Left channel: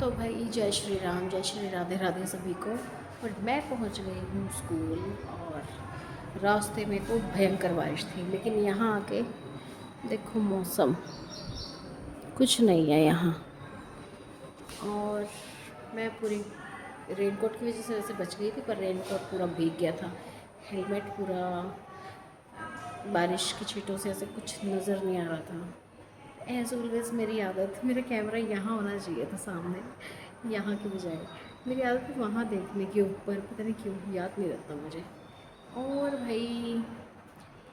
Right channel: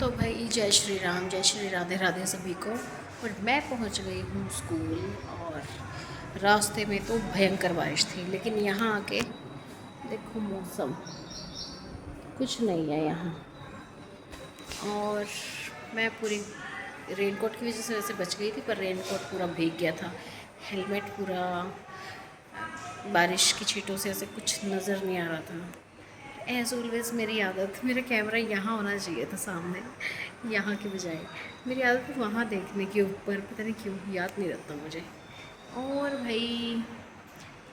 तो भाई जय श्री राम, जय श्री राधे राधे सभी को। और मैं पहुंच गई हूँ स्कूल। और रास्ते में तो भयंकर बारिश थी, लेकिन यहाँ आके देखो मौसम कुछ नहीं है यहाँ। और मैं पूरी रेनकोट की वजह से वैसे बच गई थी, पर रेनकोट पूरा भीग गया था। हेलमेट पूरा बारिश की छींटों से ऐसे कुछ नज़र नहीं आ रहा था। एज़ ऑलवेज़ मेरी आदत, मेरा कैमरा यहाँ होना चाहिए था सामने, यहाँ के बजाय। मेरी आदत है वहाँ देखने के ऊपर, पता नहीं क्यों याद नहीं रहता मुझे। और भाई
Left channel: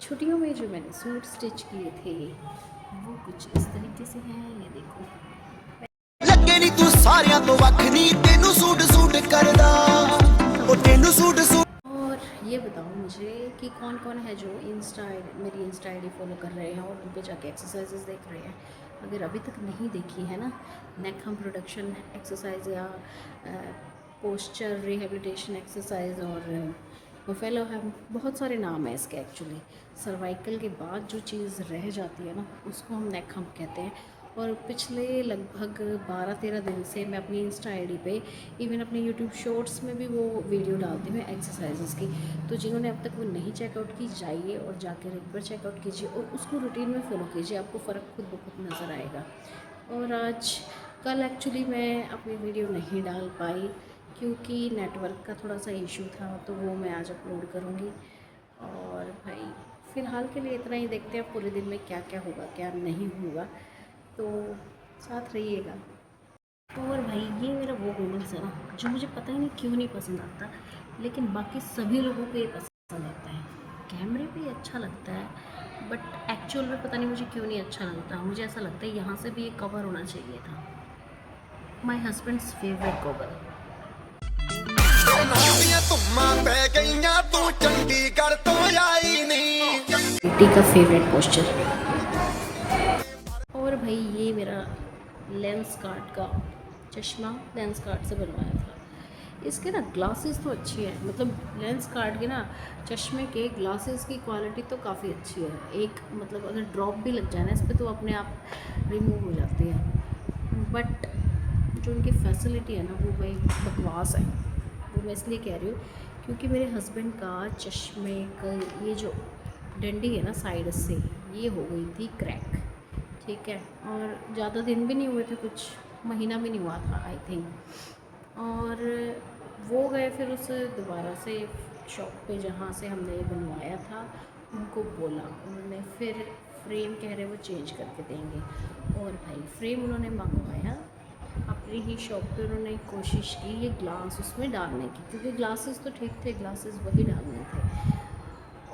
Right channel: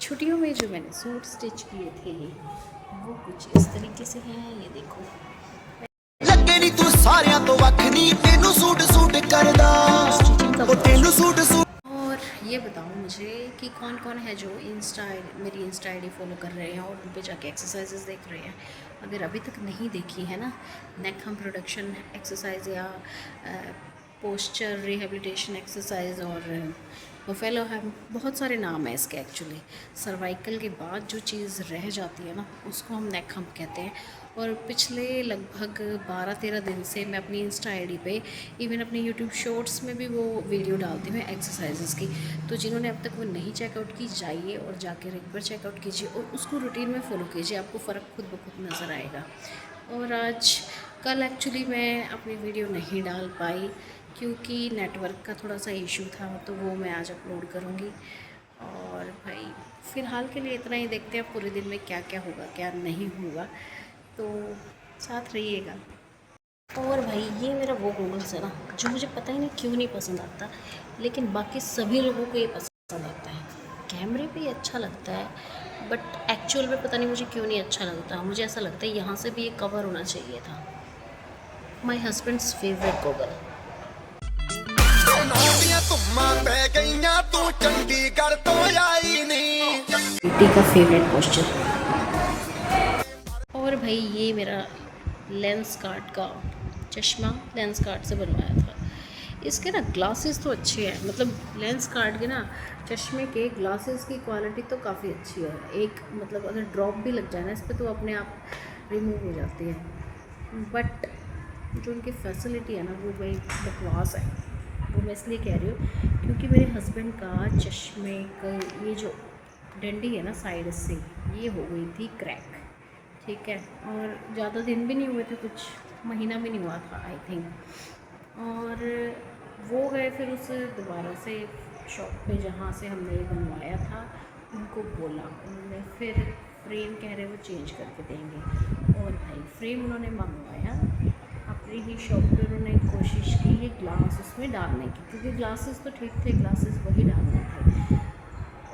छुट्टियों में जो मैंने सूट स्टिच किए थे वो कुछ इस तरीके से हैं, ये देखो। ਲੱਗੇ ਨੀ ਤੂੰ ਸਾਰਿਆਂ ਤੋਂ ਵੱਖ ਨੀ ਤੈਨੂੰ ਸੂਟ ਸੂਟ ਕਰਦਾ ਉਹ ਤੈਨੂੰ ਸੂਟ ਸੂਟ। और ये बताओ मुझे कि कौन कौन है जो मेरी इंस्टा आई डी फॉलो कर रहे हैं और उन पे जाके एक्सरसाइजेस देख रहे हैं। अगर अभी तक नहीं देखी है ना, नेक हम प्रोडक्शन एक्सरसाइज या पोस्चर रिहेबिलिटेशन एक्सरसाइज और बफेलो है, बहुत सारे नाम है इसके एक्चुअली। सर्वाइकल के बाद जो चीज़ रह जाती है ना, उसको हम नेक हम कहते हैं। और पिछले लगभग 12-13 दिन से मैं अपनी इंस्टा आईडी पे, इवन अपने यूट्यूब शॉर्ट्स में भी वो वीडियो डालती हूँ एक्सरसाइजेस की। तो जिन्होंने अब तक वो नहीं चेकआउट की, जाइए और जाके एक बार चेकआउट कीजिए और उसको रूटीन में फ़ॉलो कीजिए, आपको फ़र्क खुद ब खुद नज़र आएगा। और कल एक्चुअली मैं अपनी वीडियो नहीं डाल पाई क्योंकि नेटवर्क का थोड़ा सा इशू था, तो वो मैं आज अपलोड करूँगी। और भाई फ़िलहाल के लिए इतना ही, देखते हैं पूरे दिन में क्या क्या होगा क्या नहीं होगा, तो साथ रहिएगा। और भाई ये मेरा वो गूगल्स है ना, जो मुझे पता ही नहीं क्यों नहीं पसंद आता, लेकिन बाकी सभी लोगों को ये पसंद आता है। कैमरे पे ये अच्छा लगता है, बट एक्चुअल में पता नहीं मुझे क्यों नहीं अच्छा लगता। मुझे ऐसा लगता है यहाँ से भी एक कवर होना चाहिए था। माई हस्बैंड्स फेवरेट गूगल। ਪੈ ਗਈਆਂ ਤੂੰ ਚੰਡੀਗੜ੍ਹ ਤੋਂ ਆਈ ਨਹੀਂ। बेटी का फेवरेट पोस्चर। और भाई ये मेरा लेंस कार्ट का चश्मा लेंस कार्ट से बनवाया था। इसके ना ग्लासेस तो अच्छे हैं, मतलब लेंस कार्ट के ना चश्मे के ग्लासेस की क्वालिटी तो काफ़ी अच्छी है। एक मतलब अगर ड्रॉप भी लग जाए ना इस पर तो अपने आप रिमूव हो जाती है। बट जो इनकी फैसिलिटी है ना वो भाई बकवास है। वो मैं इसलिए कह रही हूँ क्योंकि मेरे हस्बैंड का चश्मे का ये जो डंडी है ना साइड से, ये हो गई थी क्रैक, ठीक है। और ज़्यादा दिन भी नहीं हुए थे, कुछ महीना भी नहीं हुआ था आई थिंक। और वो गए फिर उस दोबारा से शॉप पे जहाँ से हमने ये बनवाया था, उनको बोला, उन्होंने फिर फ्रेम कह रहे वो चेंज करके देंगे। और भाई फ्रेम उन्होंने मंगवाया अपनी ही शॉप पे। उन्होंने कोशिश की ये ग्लास उसमें डालने की, क्योंकि ग्लासेस तो ठीक थे, ग्लासेस वही डालने थे।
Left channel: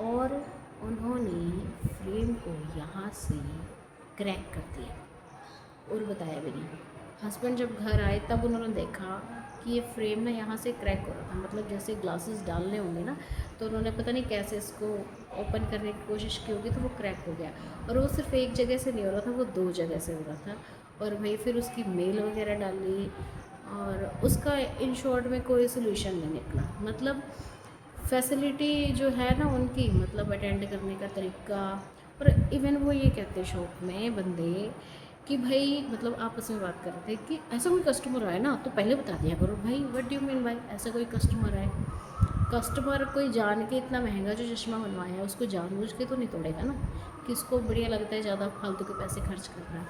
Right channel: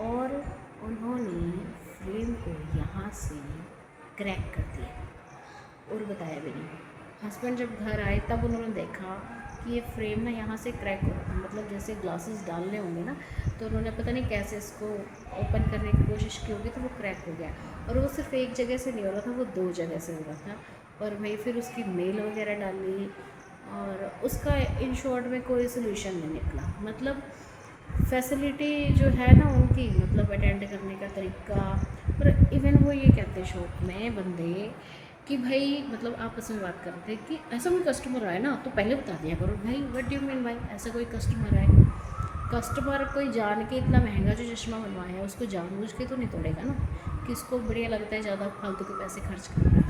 और उन्होंने फ्रेम को यहाँ से क्रैक कर दिया और बताया भी नहीं। हस्बैंड जब घर आए तब उन्होंने देखा कि ये फ्रेम ना यहाँ से क्रैक हो रहा था, मतलब जैसे ग्लासेस डालने होंगे ना, तो उन्होंने पता नहीं कैसे इसको ओपन करने की कोशिश की होगी, तो वो क्रैक हो गया। और वो सिर्फ एक जगह से नहीं हो रहा था, वो 2 जगह से हो रहा था। और भाई फिर उसकी मेल वगैरह डाली और उसका इन शॉर्ट में कोई सोल्यूशन नहीं निकला। मतलब फैसिलिटी जो है ना उनकी, मतलब अटेंड करने का तरीका। और इवन वो ये कहते हैं शॉप में बंदे कि भाई, मतलब आपस में बात कर रहे थे कि ऐसा कोई कस्टमर आए ना तो पहले बता दिया करो। भाई व्हाट डू यू मीन भाई, ऐसा कोई कस्टमर आए? कस्टमर कोई जान के इतना महंगा जो चश्मा बनवाया है उसको जानबूझ के तो नहीं तोड़ेगा ना। किसको बढ़िया लगता है ज़्यादा फालतू के पैसे खर्च करना।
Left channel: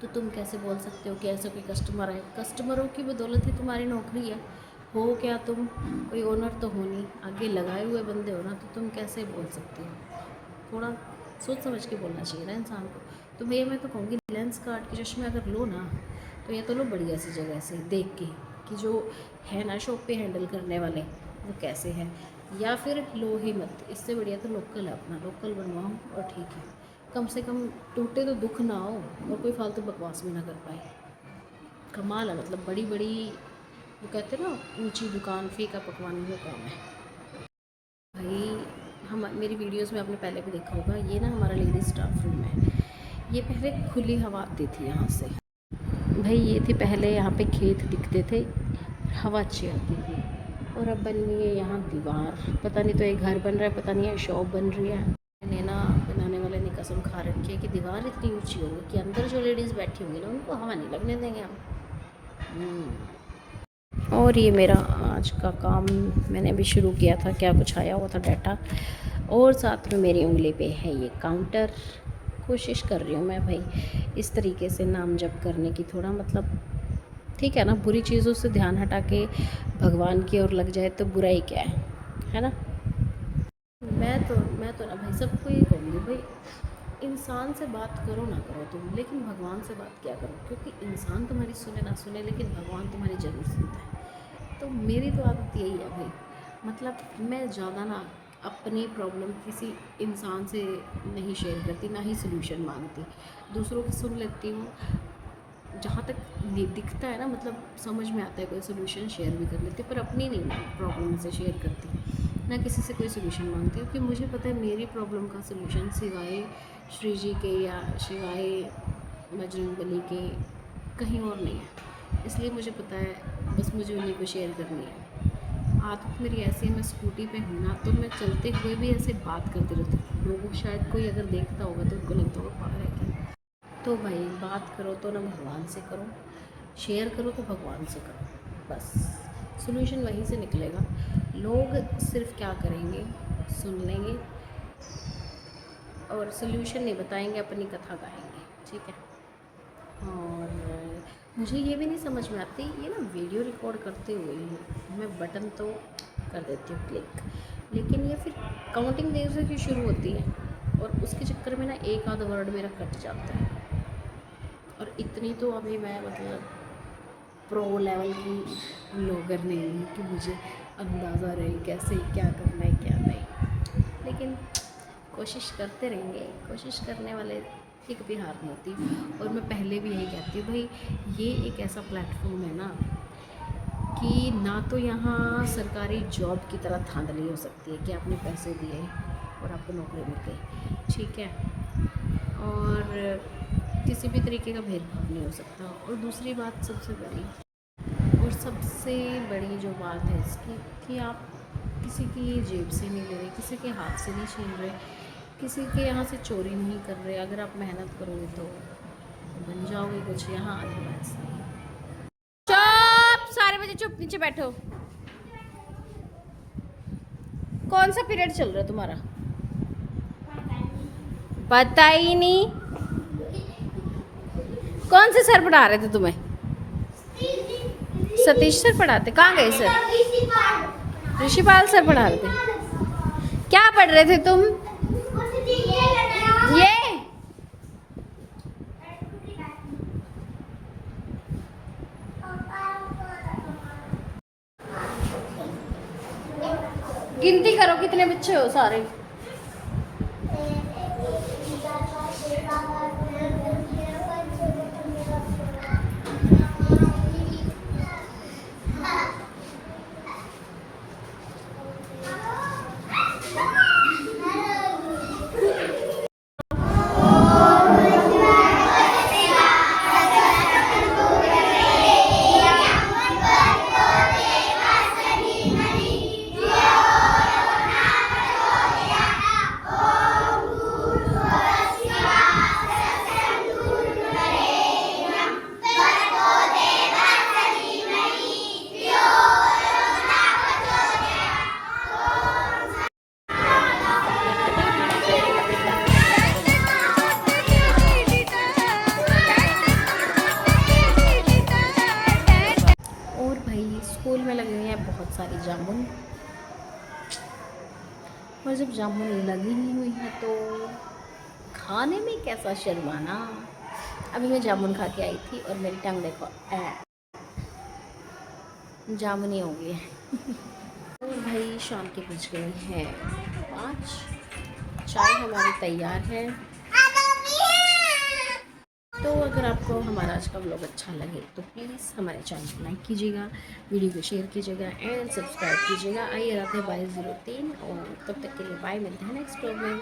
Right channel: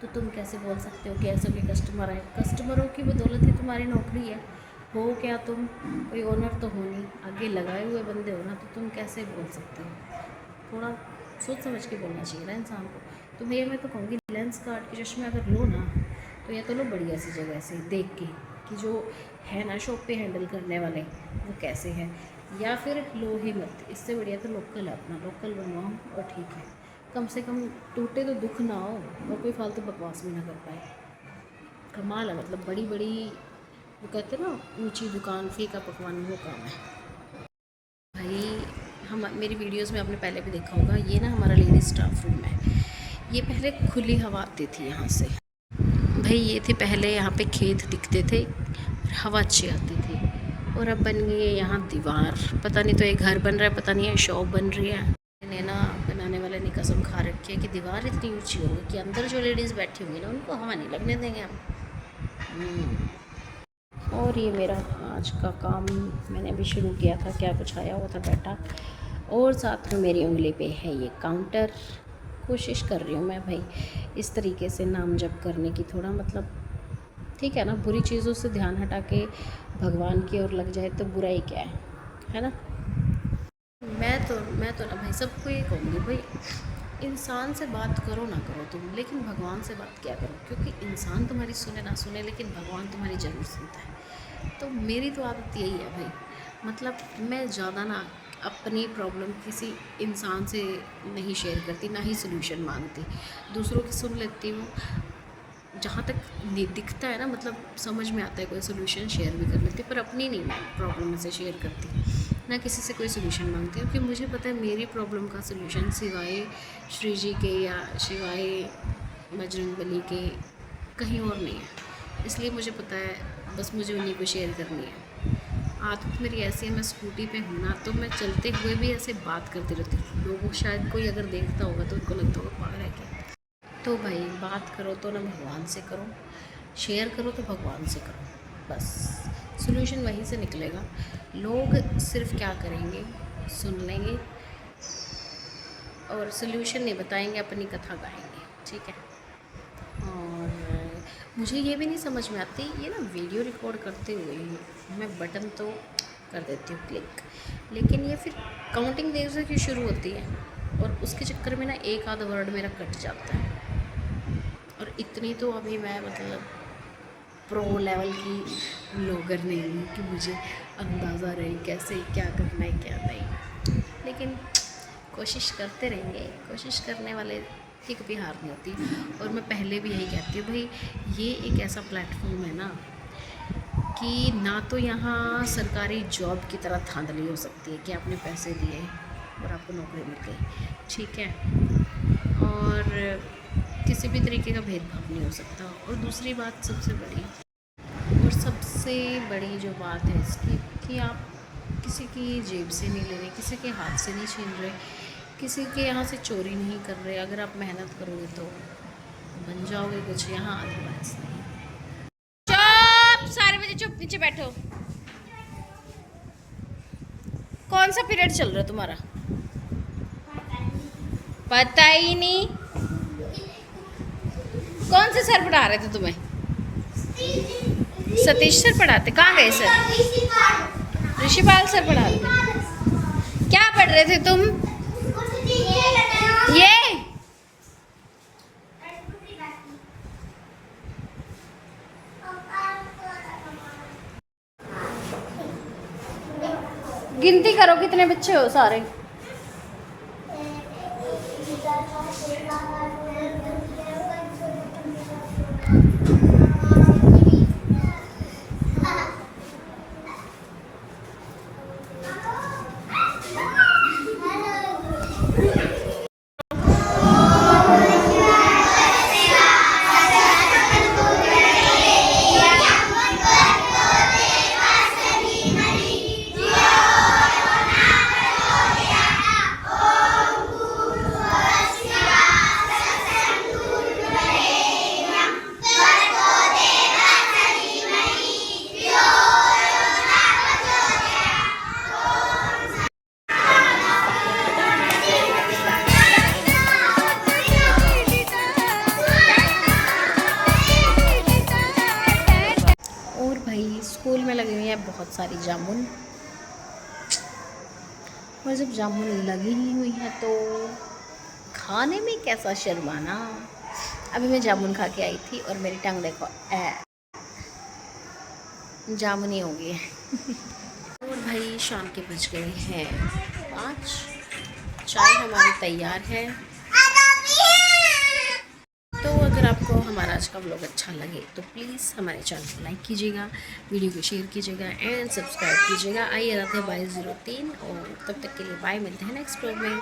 तो तुम कैसे बोल सकते हो कि ऐसा कोई कस्टमर आए? कस्टमरों की बदौलत ही तुम्हारी नौकरी है। हो क्या तुम कोई ओनर तो हो नहीं, आगे लगाए हुए बंदे हो ना, तो तुम कैसे बोल सकते हो? थोड़ा सोच समझ के बोलना चाहिए ना इंसान को। तो भैया मैं तो कहूँगी लेंस कार्ट के चश्मे अगर लो ना, तो या तो लो बढ़िया सी जगह से देख के कि जो है ना शॉप पे हैंडल करने वाले वो कैसे हैं, या फिर लो ही मत। इससे बढ़िया तो लोकल है, अपना लोकल बनवाओ और ठीक है। कम से कम टूटे तो दुख ना हो और कोई फालतू बकवास भी ना कर पाए। कमाल है, मतलब बड़ी बड़ी वो कहते हैं ना ऊंची दुकान फीका पकवान, वो काम है भाई। हम मेरी वीडियोस में आपने पहले भी देखा होगा, ये ना हमारा लेडीज स्टाफ रूम है। ये पहले खुली हवा आती थी यहाँ से भाई। ये थी पहले, यहाँ पे खेत दिखते थे, हवा अच्छी आती थी। और अब बन गई है यहाँ दीवार। पता नहीं तो एक घर बन रहा है, पता नहीं है शॉप बन रही है। मैंने ना बनाने वाले ने कसम खा रखी है कि दीवार इतनी ऊंची होगी कि अंदर जो लेडीज़ बैठी होंगी ना उनको हवा नहीं लगने देंगे हम। और ये मेरा आज का काम मैंने अभी शुरू किया था, क्या कुछ आया हुआ था डाटा, और साथ में मेरी उंगली पे है ये काउंटर। कोशिश कर रही हूँ मैं भाई इस तरीके से नाम जप करने की, थोड़ा मतलब ठीक है ना, बुरी चीज़ों से ध्यान हटा के भगवान की ओर लग जाए तो बुरा ही क्या है ना। मैं तो ना भाई सबको ये कहूँगी भाई, इंसान से बात करो ना करो तुम, लेकिन भगवान से बात क्या करो, क्योंकि इंसान तुम्हारी सुने ना सुने लेकिन भगवान तुम्हारी ज़रूर सुनता है। तो मेरी तो आदत यही है भाई, मतलब मैं ज़्यादा ना अपनी प्रॉब्लम किसी इंसान से नहीं शेयर करती, ना ही सोल्यूशन मांगती, दूसरों की सुन लेती हूँ। जहाँ तक दिखता है ना, मतलब समझ में आता है कोई सोल्यूशन, शेयर भी कर लेती, पर अपनी नहीं मैं प्रॉब्लम से शेयर करती, ना किसी से कोई सोल्यूशन मांगती, क्योंकि मुझे पता है मेरी प्रॉब्लम का सोल्यूशन सिवाय श्री जी के या सिवाय बजरंगबली के कहीं और नहीं है। इसलिए मुझे पता है बस मुझे उन्हीं को शेयर करनी है। आदत मेरी ऐसी है, मैं स्कूटी पे हूँ ना तो मैं चलते हुए भी ऐसे बात करती रहती हूँ। लोगों शायद कोई अगर देखता होगा तो उनको लगता होगा पागल है क्या। तो भाई बात करो तो ना भगवान से करो, शेयर करो तो भगवान से करो, बस सोल्यूशन वहीं से निकलेगा। लोग सिर्फ क्या करेंगे, सुन लेंगे और सोल्यूशन नहीं बताएंगे, अपनी कथा गाएंगे, ठीक है। और मुझे ये भी नहीं समझ में आती, ये ना वीडियो रिकॉर्ड करते हुए मैं बटन तो कर देती हूँ क्लिक, लेकिन ये फिर काउंटिंग देर से क्यों शुरू होती है, और उसके चक्कर में ना एक आधा वर्ड मेरा कट जाता है। और इतनी तो अभी मैं मतलब प्रो लेवल की ब्लॉगर नहीं हूँ कि मुझे अंदाज़ा रहे कैसे क्या करना है क्या नहीं, लेकिन कोशिश करते रहेंगे, कोशिश करने वाले की कभी हार नहीं होती। और मैं पहले भी यही कहती हूँ भाई, ये एक ऐसा प्लेटफॉर्म है ना कि ना तो यहाँ सरकारी जॉब की तरह धांधली हो सकती है कि आपने पैसे दिए और आपको नौकरी मिल गई, ठीक है, और किसी भी तरीके का भेदभाव नहीं हो सकता। और दूसरी बात सबसे बड़ी जो बात है इसकी, कि आप किसी की जेब से नहीं ले रहे, किसी के हाथ से नहीं छीन रहे, किसी के यहाँ से चोरी नहीं कर रहे। अगर आप मेहनत करोगे तो बन जाओगे कुछ, यहाँ अदरवाइज नहीं। चुप, सारे बच्चे चुप, नीचे बैठो। कौन सा पीरियड चल रहा है तुम्हारा? पता ही नहीं। कौन से सर पढ़ा रहे थे तुम्हें? सतीश सर पढ़ाते? कहाँ गए सर? ऋषिपाल सर पढ़ा रहे थे। क्या पढ़ रहे थे तुम? ये गिनती करो कितने बच्चे हो सारे। स्कूल में लगी हुई है बहुत सारी जामुन, और जब जामुन लगी ही हुई है तो खाने में कैसा शर्माना। अभी मैं जामुन खा के आई थी और मेरी टंग देखो जामुनी हो गई है। और भाई शाम के बज गए हैं 5, चाय हमारी तैयार है। तो अगर आपको हमारा आज का व्लॉग अच्छा लगे तो प्लीज़ हमारे चैनल को लाइक कीजिएगा, वीडियो को शेयर कीजिएगा एंड सब्सक्राइब कीजिएगा। आइए रात है 22:03 और तब तक के लिए बाय, मिलते हैं नेक्स्ट व्लॉग में।